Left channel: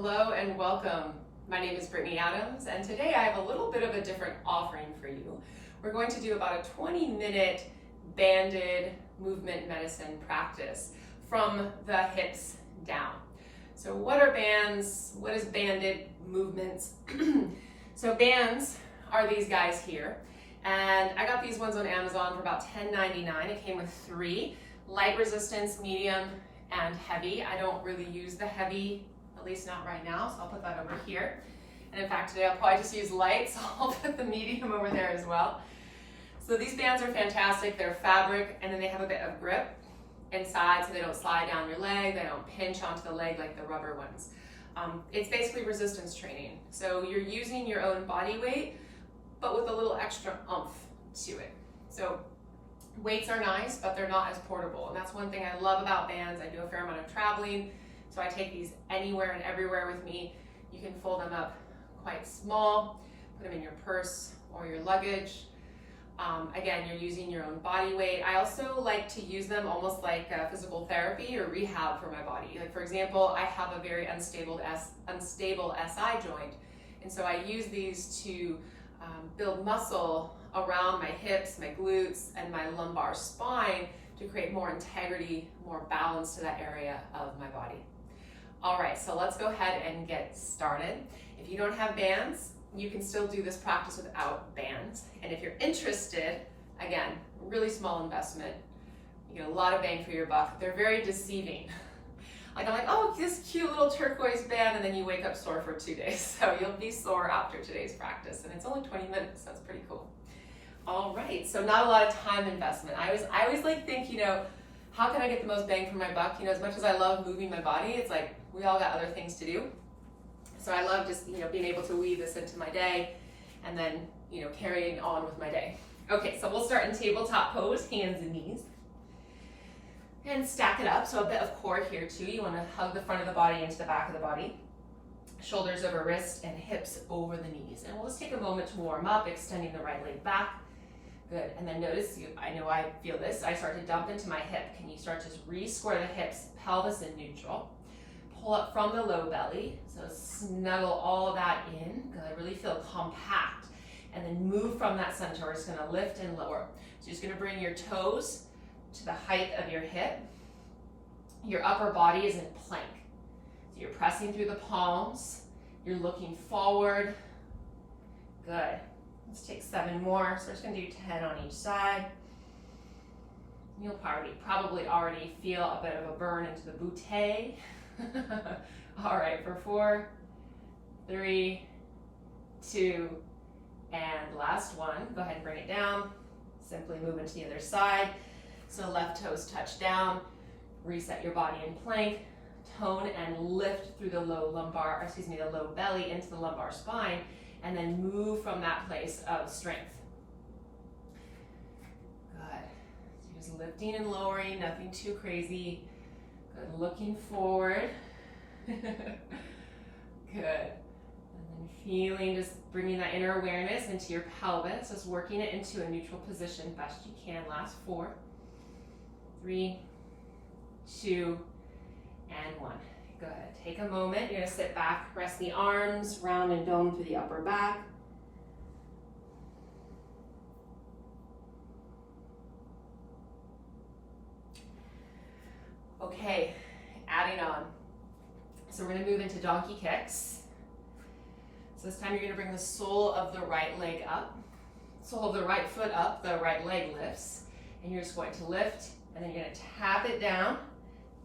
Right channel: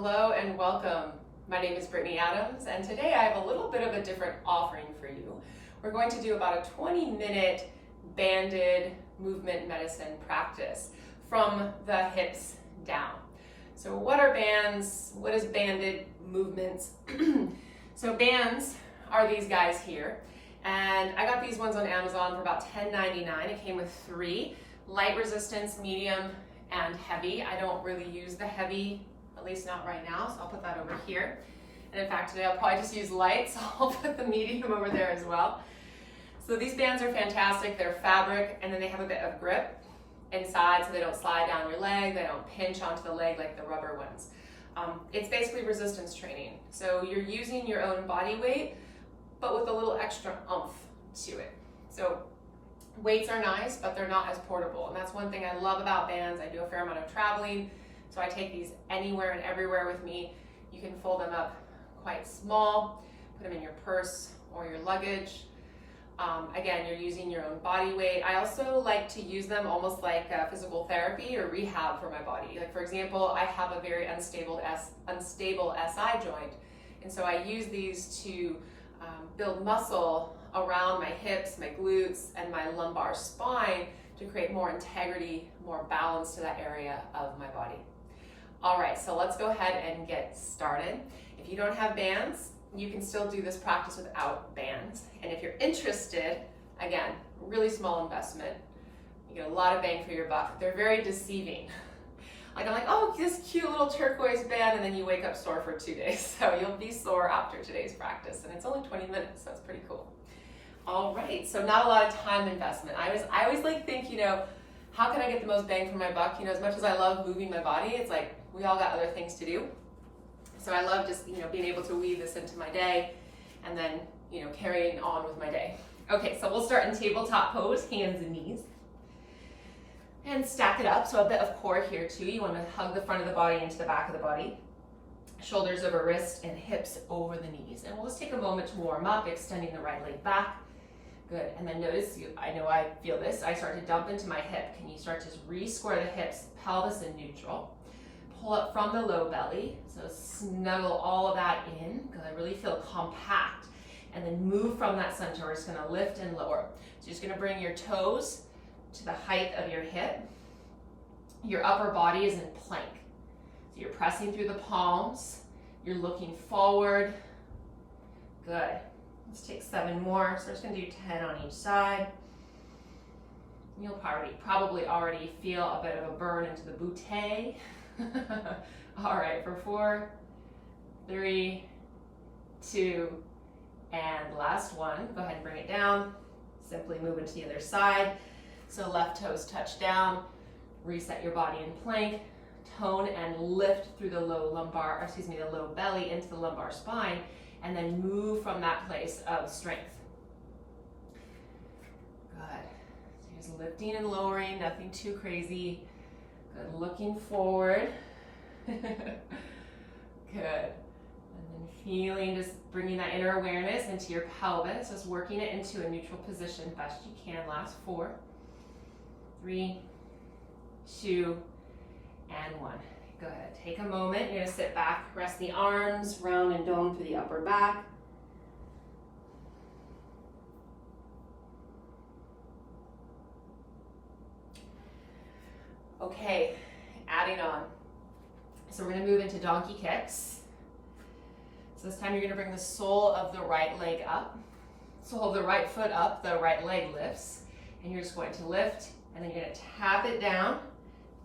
Hello and welcome. My name is Brittany Adams, and today I have a little bit of a different offering for you. We're going to do about a 20-minute banded movement medicine practice from the hips down. So what are bands? What is banded movements? So bands are these guys here, and I got these ones on Amazon for about $10.99. It came with 3, light resistance, medium, and heavy. I don't really use the heavy, at least not right now, so I'll put that over here. And in fact, today I'll probably just use light, so I'll put the medium over there as well. So these bands are fantastic. They're fabric, and then they have a bit of grip inside, so they don't slide down your leg, they don't pinch onto the leg like the rubber ones. It's basically resistance training. So you're using your own body weight, but with a little extra oomph to it. So weights are nice, but they're not as portable. And that's one thing I love about bands. I do a fair amount of traveling, so I take these anywhere and everywhere with me. You can fold them up quite small, put them in your purse or your luggage. Again, you're using your own body weight. I also like to use them almost like physical therapy or rehab for my body. Like for example, I have a very unstable SI joint, and so I use these to build muscle around my hips, my glutes, and my lumbar spine to create more integrity, more balance to that area of my body. All right, so let's go ahead and get started. If you don't have bands, you can still do this practice without bands. And if you're interested, again, really small investment. You get a lot of bang for your buck. They're very deceiving. Like I'm like, oh, this cute little turquoise band, and then you wake up sore for 2 days. So you'll be sore after today's practice, and it's only 20 minutes, so it's pretty cool. All right, so not a lot of time investment. I always like think, how can I get the most bang for my buck? As much as I love moving my body, it's like we all got other things to do. So I love just, being able to weave this into my day and then, carrying on with my day. Okay, so we'll start in tabletop pose, hands and knees. And stack it up, so a bit of core here too. You want to hug the front of the body into the back of the body. Shoulders over wrist and hips over the knees. And we'll just take a moment to warm up, extending the right leg back. Good, and then notice, I know I feel this, I start to dump into my hip. Can you start to re-square the hips, pelvis in neutral. Pull up from the low belly, so snuggle all of that in. Good, really feel compact. And then move from that center. We're just gonna lift and lower. So you're just gonna bring your toes to the height of your hip. Your upper body is in plank. So you're pressing through the palms. You're looking forward. Good. Let's take 7 more. So we're just gonna do 10 on each side. You'll probably already feel a bit of a burn into the butte. All right, for 4, 3, 2, and last one. Go ahead and bring it down. Simply move into the other side. So left toes touch down. Reset your body in plank. Tone and lift through the low belly into the lumbar spine, and then move from that place of strength. Good. So just lifting and lowering, nothing too crazy. Good, looking forward. Good. And then feeling, just bringing that inner awareness into your pelvis, just working it into a neutral position best you can. Last 4, 3, 2, and 1. Go ahead, take a moment. You're gonna sit back, rest the arms, round and dome through the upper back. Okay, adding on. So we're gonna move into donkey kicks. So this time you're gonna bring the sole of the right leg up. Sole of the right foot up, the right leg lifts. And you're just going to lift, and then you're gonna tap it down,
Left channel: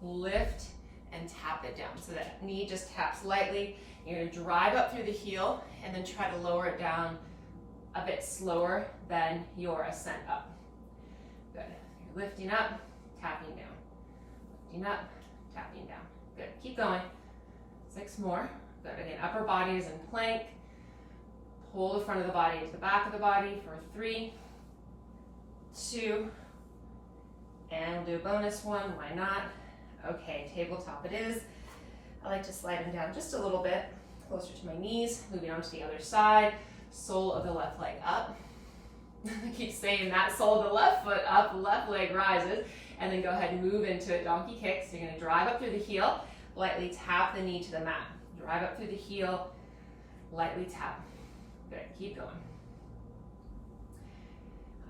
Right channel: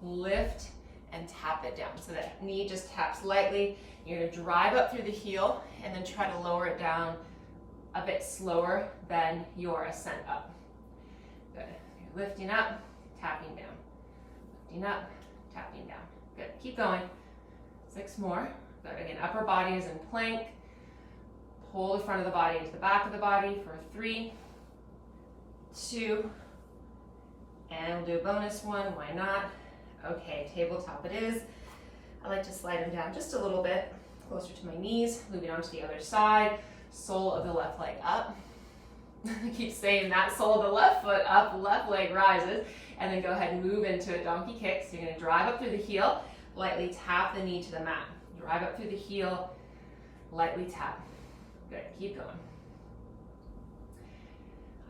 lift, and tap it down. So that knee just taps lightly. You're gonna drive up through the heel, and then try to lower it down a bit slower than your ascent up. Good, you're lifting up, tapping down. Lifting up, tapping down. Good, keep going. 6 more. Good, again, upper body is in plank. Pull the front of the body into the back of the body for 3, 2, and we'll do a bonus one, why not? Okay, tabletop it is. I like to slide them down just a little bit, closer to my knees, moving on to the other side. Sole of the left leg up. I keep saying that, sole of the left foot up, left leg rises, and then go ahead and move into a donkey kick. So you're gonna drive up through the heel, lightly tap the knee to the mat. Drive up through the heel, lightly tap. Good, keep going.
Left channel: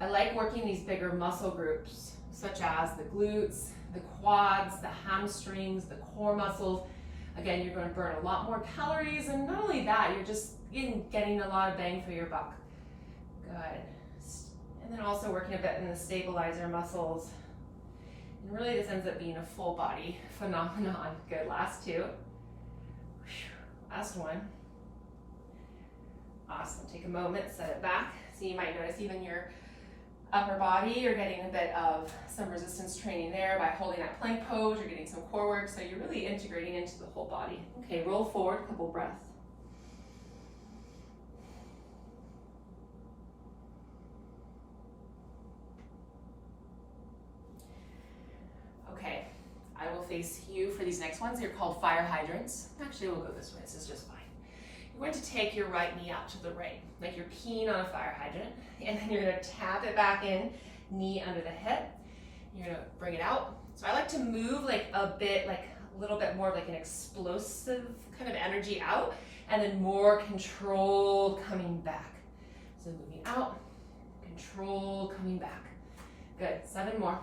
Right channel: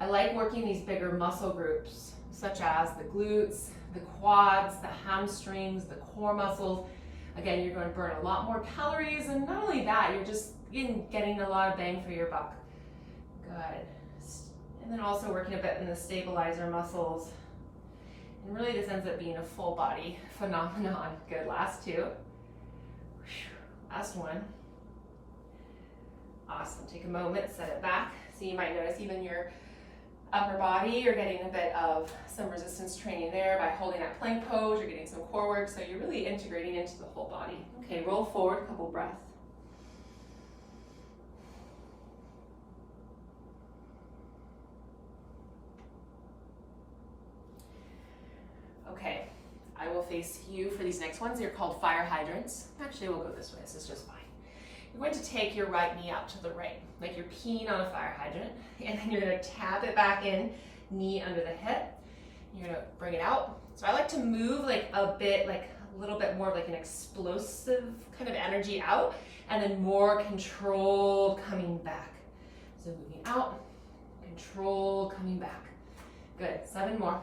I like working these bigger muscle groups, such as the glutes, the quads, the hamstrings, the core muscles. Again, you're going to burn a lot more calories, and not only that, you're just getting a lot of bang for your buck. Good. And then also working a bit in the stabilizer muscles. And really this ends up being a full body phenomenon. Good, last two. Last one. Awesome, take a moment, set it back. So you might notice even your upper body, you're getting a bit of some resistance training there by holding that plank pose. You're getting some core work, so you're really integrating into the whole body. Okay, roll forward, a couple breaths. Okay, I will face you for these next ones. They're called fire hydrants. Actually, we'll go this way, this is just fine. You're going to take your right knee out to the right, like you're peeing on a fire hydrant, and then you're going to tap it back in, knee under the hip. You're going to bring it out. So I like to move like a bit, like a little bit more of like an explosive kind of energy out, and then more controlled coming back. So moving out, controlled coming back. Good, 7 more.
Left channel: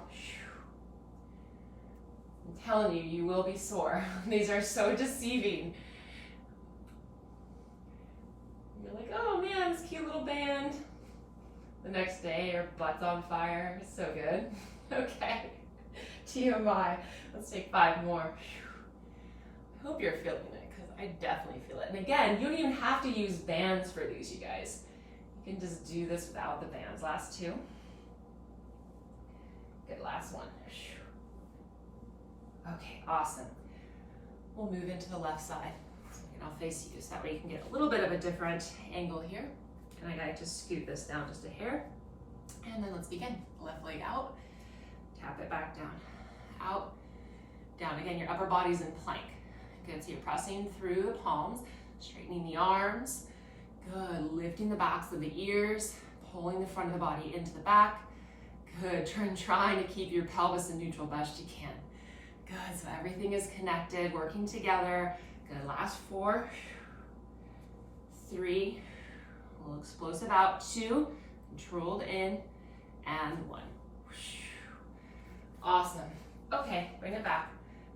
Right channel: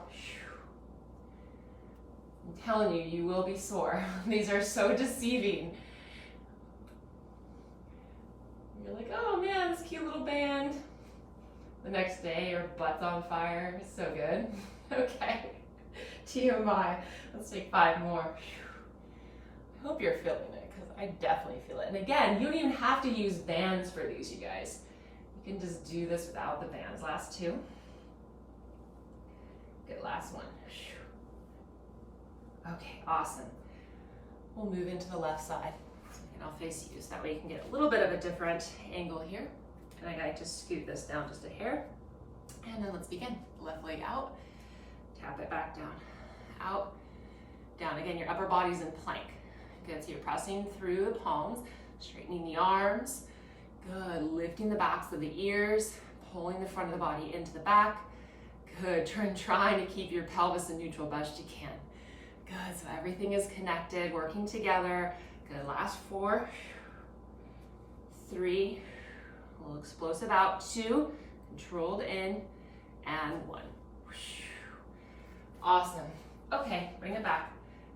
I'm telling you, you will be sore. These are so deceiving. You're like, oh man, this cute little band. The next day, your butt's on fire. It's so good. Okay, TMI. Let's take 5 more. I hope you're feeling it, because I definitely feel it. And again, you don't even have to use bands for these, you guys. You can just do this without the bands. Last 2. Good, last one. Okay, awesome. We'll move into the left side. And I'll face you, so that way you can get a little bit of a different angle here. And I like to scoot this down just a hair. And then let's begin. Left leg out, tap it back down, out, down. Again, your upper body's in plank. Good, so you're pressing through the palms, straightening the arms. Good, lifting the backs of the ears, pulling the front of the body into the back. Good, trying to keep your pelvis in neutral best you can. Good, so everything is connected, working together. Good, last 4, 3, a little explosive out, 2, controlled in, and 1. Awesome. Okay, bring it back,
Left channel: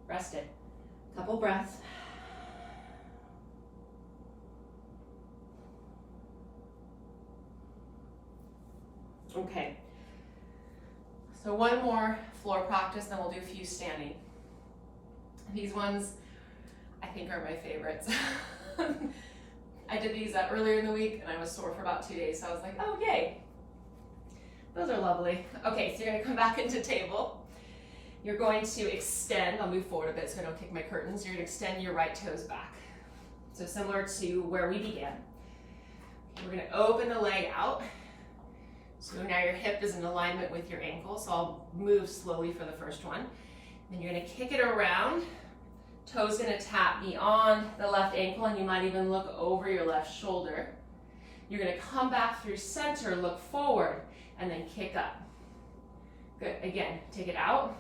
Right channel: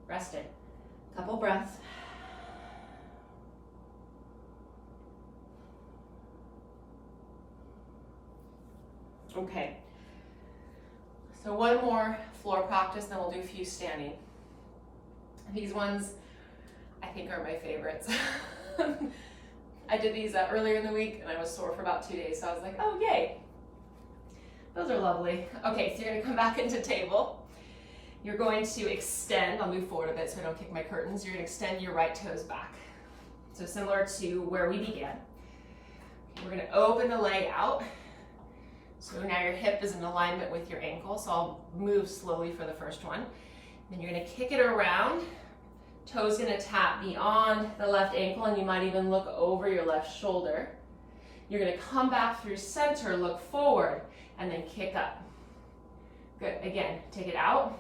rest it. Couple breaths. Okay, so one more floor practice, then we'll do a few standing. These ones I think are my favorites. I did these earlier in the week and I was sore for about 2 days, so I was like, oh yay. Those are lovely. Okay, so you're gonna come back into table. You're going to extend, I'll move forward a bit so I don't kick my curtains. You're gonna extend your right toes back. So similar to where we began. We're gonna open the leg out. So now your hip is in alignment with your ankle, so I'll move slowly for the first one. Then you're gonna kick it around. Toes gonna tap beyond the left ankle, and you might even look over your left shoulder. You're gonna come back through center, look forward, and then kick up. Good, again, take it out,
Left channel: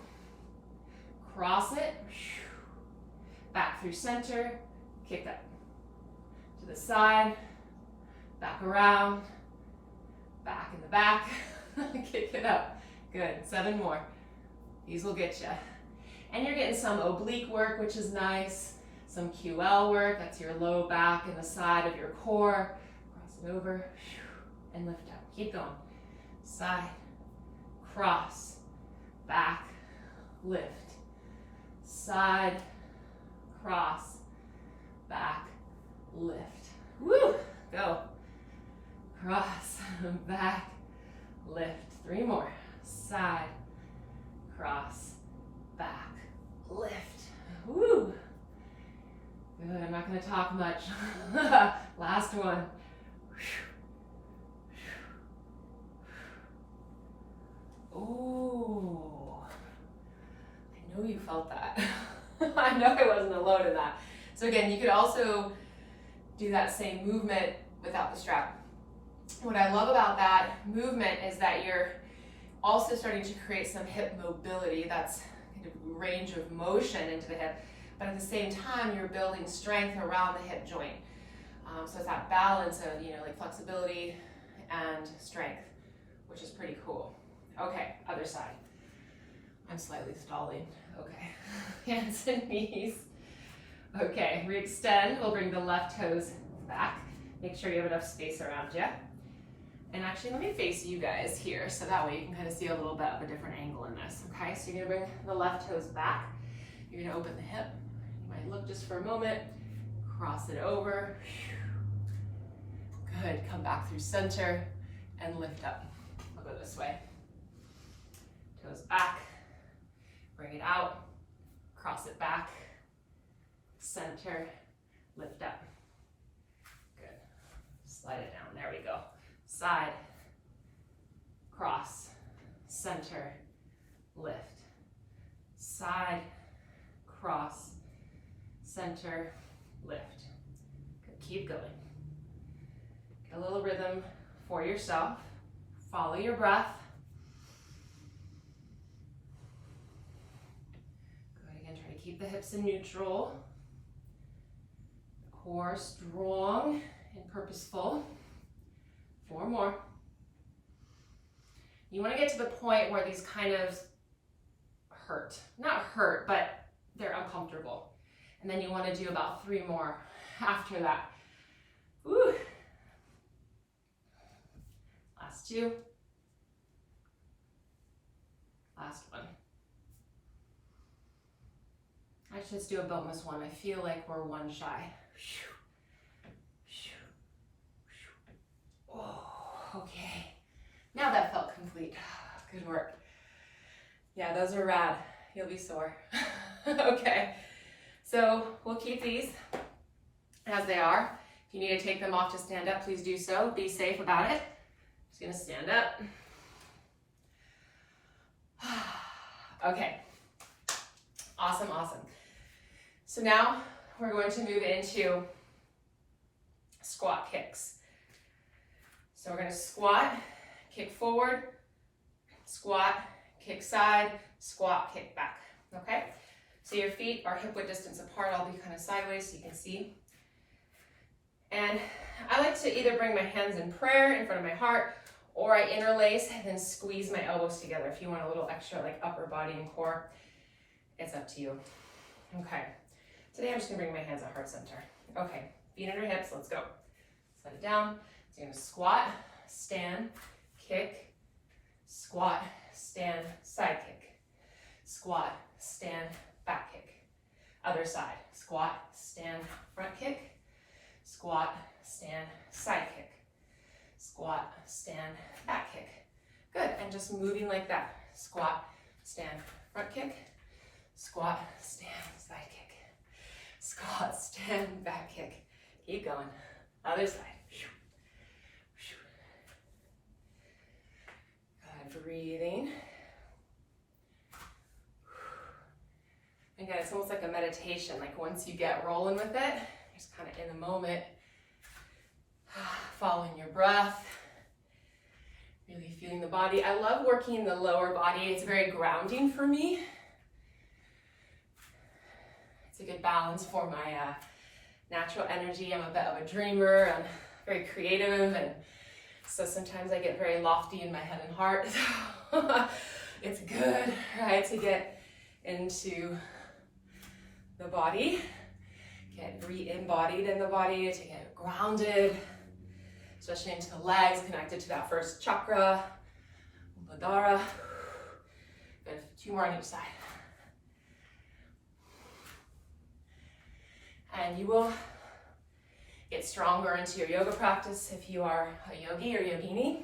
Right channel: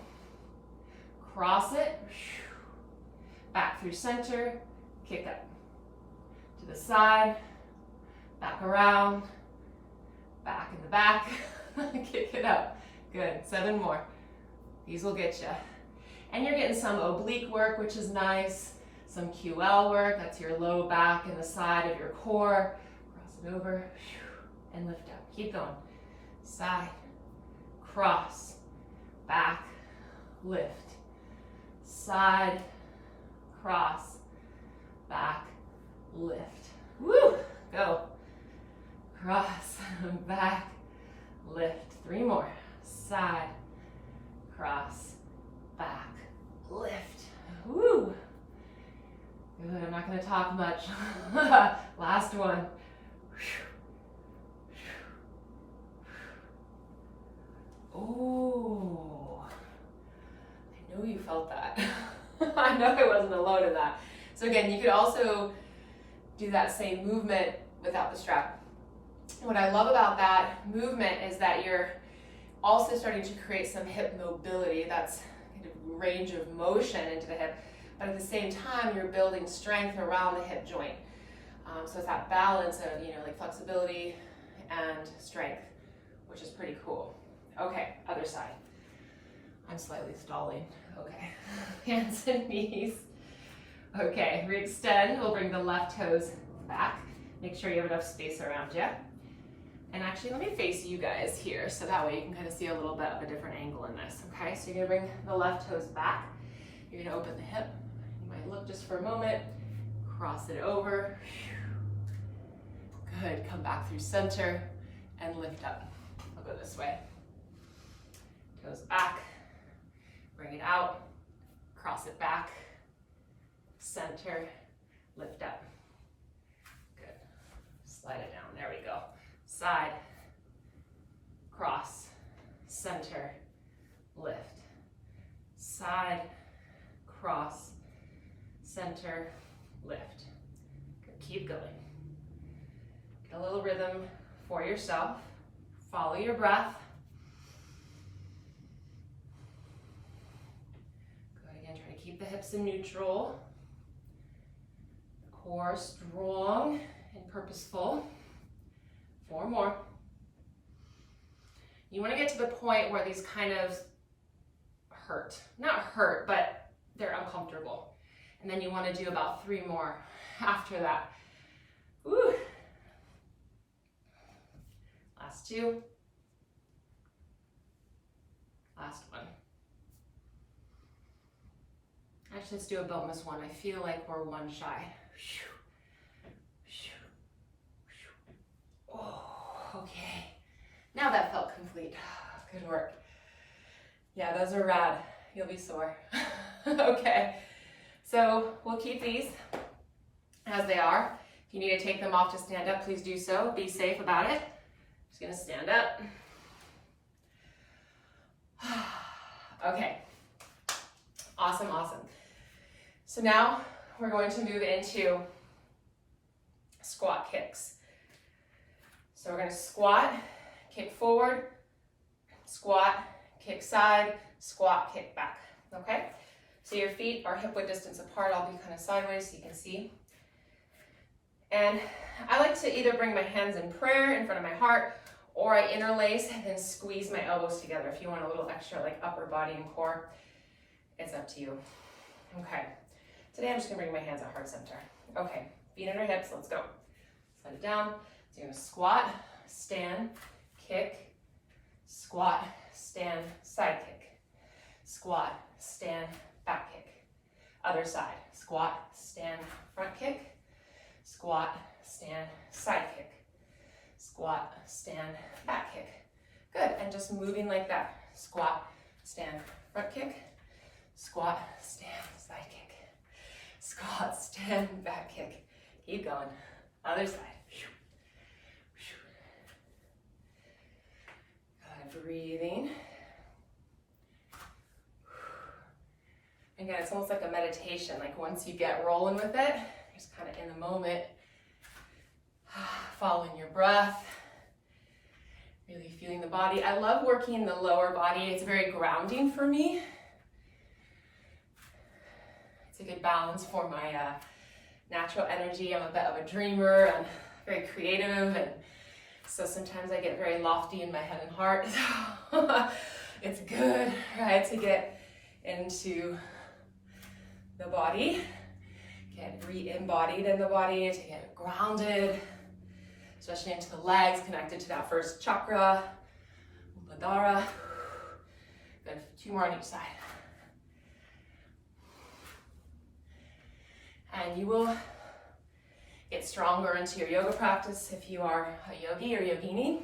cross it, back through center, kick up. To the side, back around, back in the back, kick it up. Good, 7 more. These will get you. And you're getting some oblique work, which is nice. Some QL work, that's your low back and the side of your core. Cross it over and lift up. Keep going. Side, cross, back, lift. Side, cross, back, lift. Woo! Go. Cross, back, lift. 3 more. Side, cross, back, lift. Woo! Good, I'm not going to talk much. Last one. Oh, I know you felt that. I know I wasn't alone in that. So again, you could also do that same movement without the strap. What I love about that movement is that you're also starting to create some hip mobility. That's kind of range of motion into the hip, but at the same time, you're building strength around the hip joint. So it's that balance of, like flexibility and strength, which is pretty cool. Okay, other side. I'm slightly stalling. Okay, hands and knees. Okay, re-extend. We'll bring the left toes back. Make sure you have enough space around you. And actually, let me face you guys here, so that way you can kind of see a little bit of a different angle in this, okay? So you're gonna bring the left toes back. You're gonna open the hip. You might look just for a moment, cross it over. Good, come back through center and lift up. I'll go this way. Toes back, bring it out, cross it back, center, lift up. Good, slide it down, there we go. Side, cross, center, lift. Side, cross, center, lift. Good. Keep going. Get a little rhythm for yourself. Follow your breath. Good. Again, try to keep the hips in neutral. The core strong and purposeful. 4 more. You want to get to the point where these kind of hurt. Not hurt, but they're uncomfortable. And then you want to do about 3 more after that. Woo. Last 2. Last 1. Actually, let's do a bonus 1. I feel like we're 1 shy. Oh, okay. Now that felt complete. Good work. Yeah, those are rad. You'll be sore. Okay. So we'll keep these as they are. If you need to take them off to stand up, please do so. Be safe about it. Just gonna stand up. Okay. Awesome, awesome. So now we're going to move into squat kicks. So we're going to squat, kick forward, squat, kick side, squat, kick back, okay? So your feet are hip width distance apart. I'll be kind of sideways so you can see. And I like to either bring my hands in prayer in front of my heart, or I interlace and then squeeze my elbows together. If you want a little extra like upper body and core, it's up to you. Okay, today I'm just gonna bring my hands at heart center. Okay, feet under hips, let's go. Slide it down. So you're gonna squat, stand, kick, squat, stand, side kick, squat, stand, back kick. Other side, squat, stand, front kick, squat, stand, side kick, squat, stand, back kick. Good, and just moving like that. Squat, stand, front kick, squat, stand, side kick, squat, stand, back kick. Keep going. Other side. Good, breathing. Again, it's almost like a meditation. Like once you get rolling with it, just kind of in the moment, following your breath, really feeling the body. I love working the lower body. It's very grounding for me. It's a good balance for my natural energy. I'm a bit of a dreamer and very creative, and so sometimes I get very lofty in my head and heart. It's good, right, to get into the body, get re-embodied in the body, to get grounded, especially into the legs, connected to that first chakra, Muladhara. Good, 2 more on each side. And you will get stronger into your yoga practice if you are a yogi or yogini.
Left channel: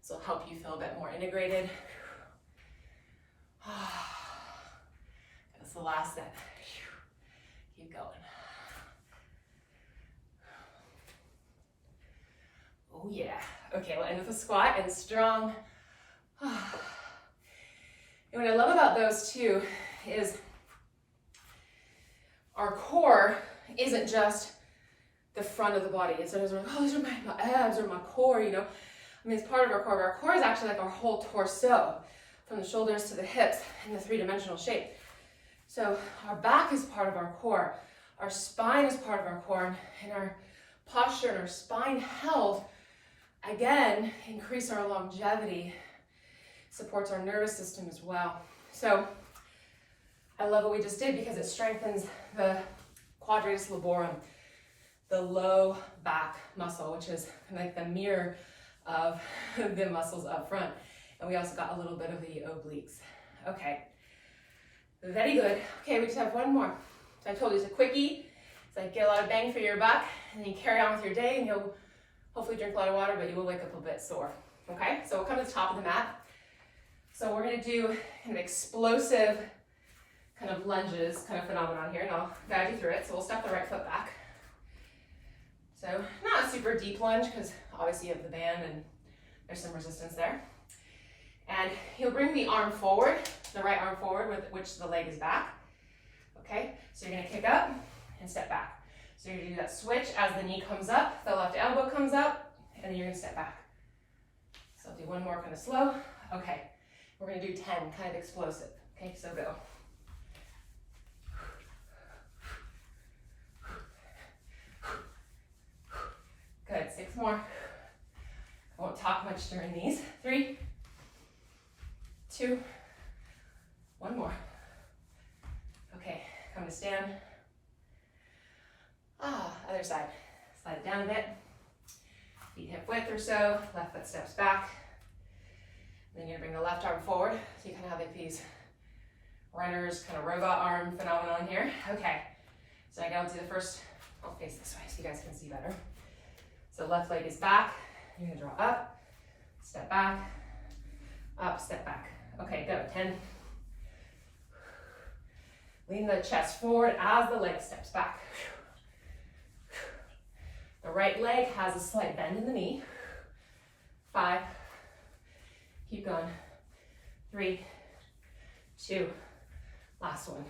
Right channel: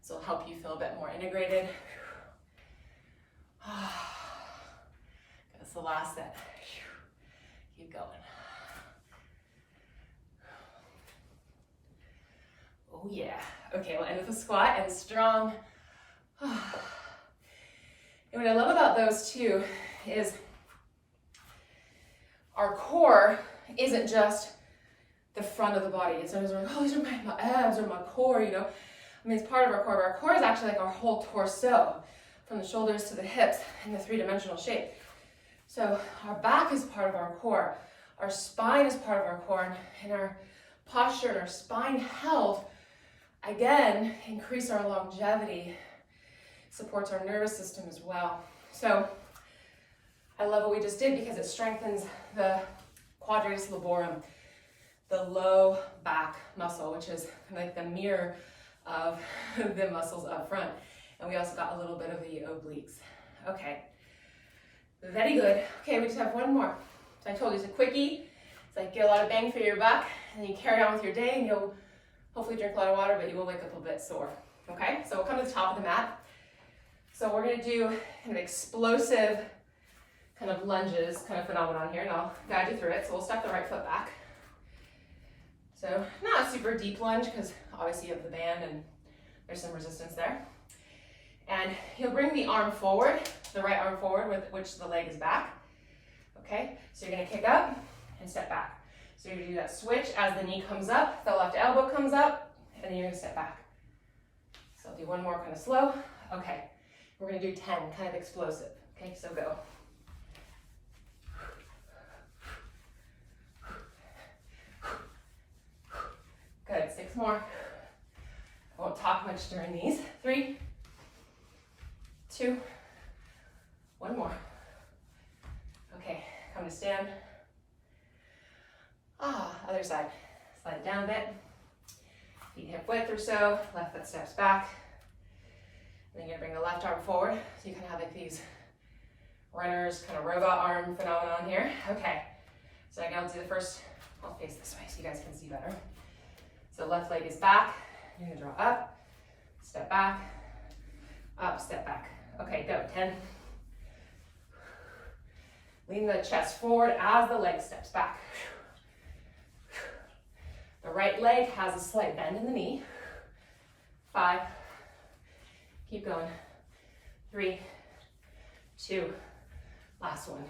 This will help you feel a bit more integrated. That's the last set. Keep going. Oh yeah. Okay, we'll end with a squat and strong. And what I love about those two is our core isn't just the front of the body. And so it's like, oh, these are my abs or my core, you know. I mean, it's part of our core, but our core is actually like our whole torso. from the shoulders to the hips in a three-dimensional shape. So our back is part of our core, our spine is part of our core, and our posture and our spine health, again, increase our longevity, supports our nervous system as well. So I love what we just did because it strengthens the quadratus laborum, the low back muscle, which is like the mirror of the muscles up front. And we also got a little bit of the obliques. Okay, very good. Okay, we just have one more. So I told you it's a quickie. It's like get a lot of bang for your buck, and then you carry on with your day, and you'll hopefully drink a lot of water, but you will wake up a bit sore. Okay, so we'll come to the top of the mat. So we're gonna do kind of explosive kind of lunges kind of phenomenon here, and I'll guide you through it. So we'll step the right foot back. So not a super deep lunge because obviously you have the band and there's some resistance there. And you'll bring the arm forward, the right arm forward with which the leg is back. Okay, so you're gonna kick up and step back. So you're gonna do that switch as the knee comes up, the left elbow comes up, and then you're gonna step back. So I'll do one more kind of slow. Okay, we're gonna do 10, kind of explosive. Okay, so go. Good, 6 more. I won't talk much during these. 3, 2, 1 more. Okay, come to stand. Other side. Slide it down a bit. Feet hip width or so. Left foot steps back. And then you're gonna bring the left arm forward. So you kind of have like these runner's kind of robot arm phenomenon here. Okay, so I go to the first, I'll face this way so you guys can see better. So left leg is back. You're gonna draw up, step back, up, step back. Okay, go, 10. Lean the chest forward as the leg steps back. The right leg has a slight bend in the knee. 5, keep going. 3, 2, last one.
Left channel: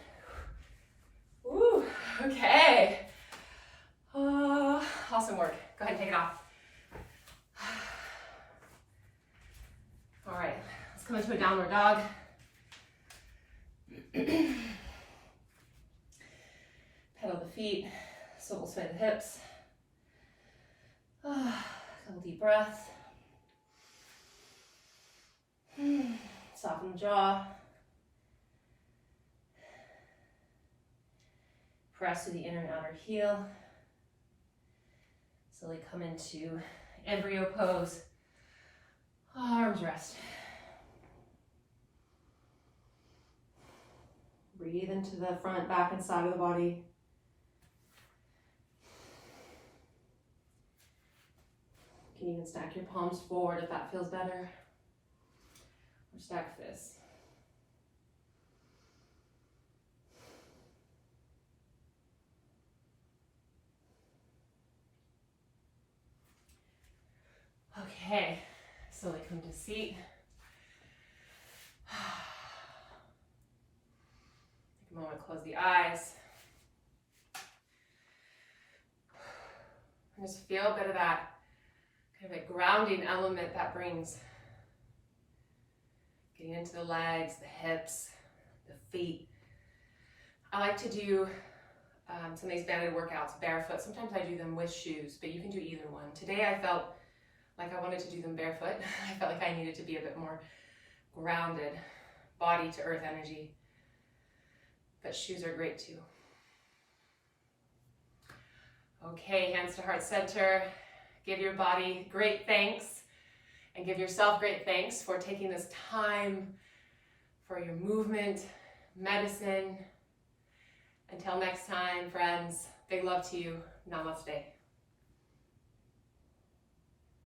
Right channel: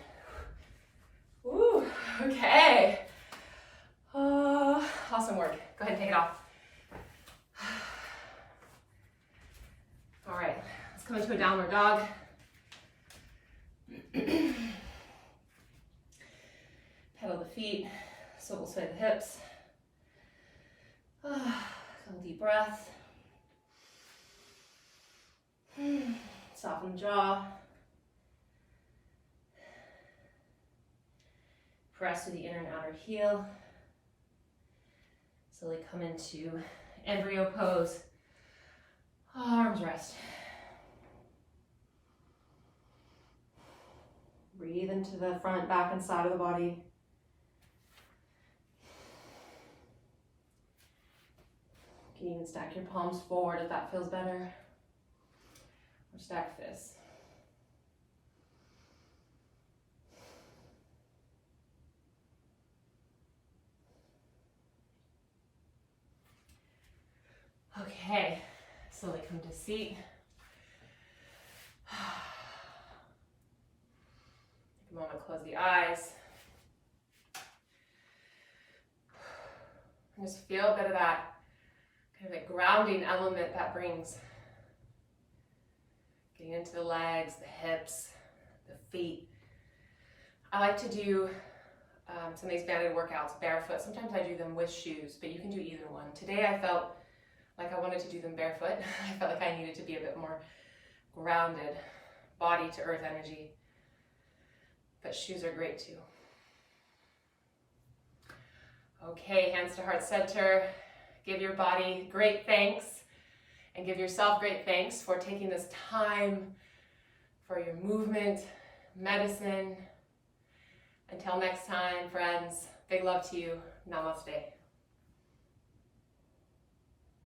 Woo, okay. Awesome work. Go ahead and take it off. All right, let's come into a downward dog. Pedal the feet, swivel sway the hips. Couple deep breaths. Soften the jaw. Press to the inner and outer heel. Slowly come into embryo pose. Arms rest. Breathe into the front, back, and side of the body. You can even stack your palms forward if that feels better. Or stack fists. Okay, slowly come to seat. Take a moment, close the eyes. And just feel a bit of that kind of a grounding element that brings. Getting into the legs, the hips, the feet. I like to do some of these banded workouts barefoot. Sometimes I do them with shoes, but you can do either one. Today I felt like I wanted to do them barefoot. I felt like I needed to be a bit more grounded, body to earth energy. But shoes are great too. Okay, hands to heart center. Give your body great thanks and give yourself great thanks for taking this time for your movement, medicine. Until next time, friends, big love to you. Namaste.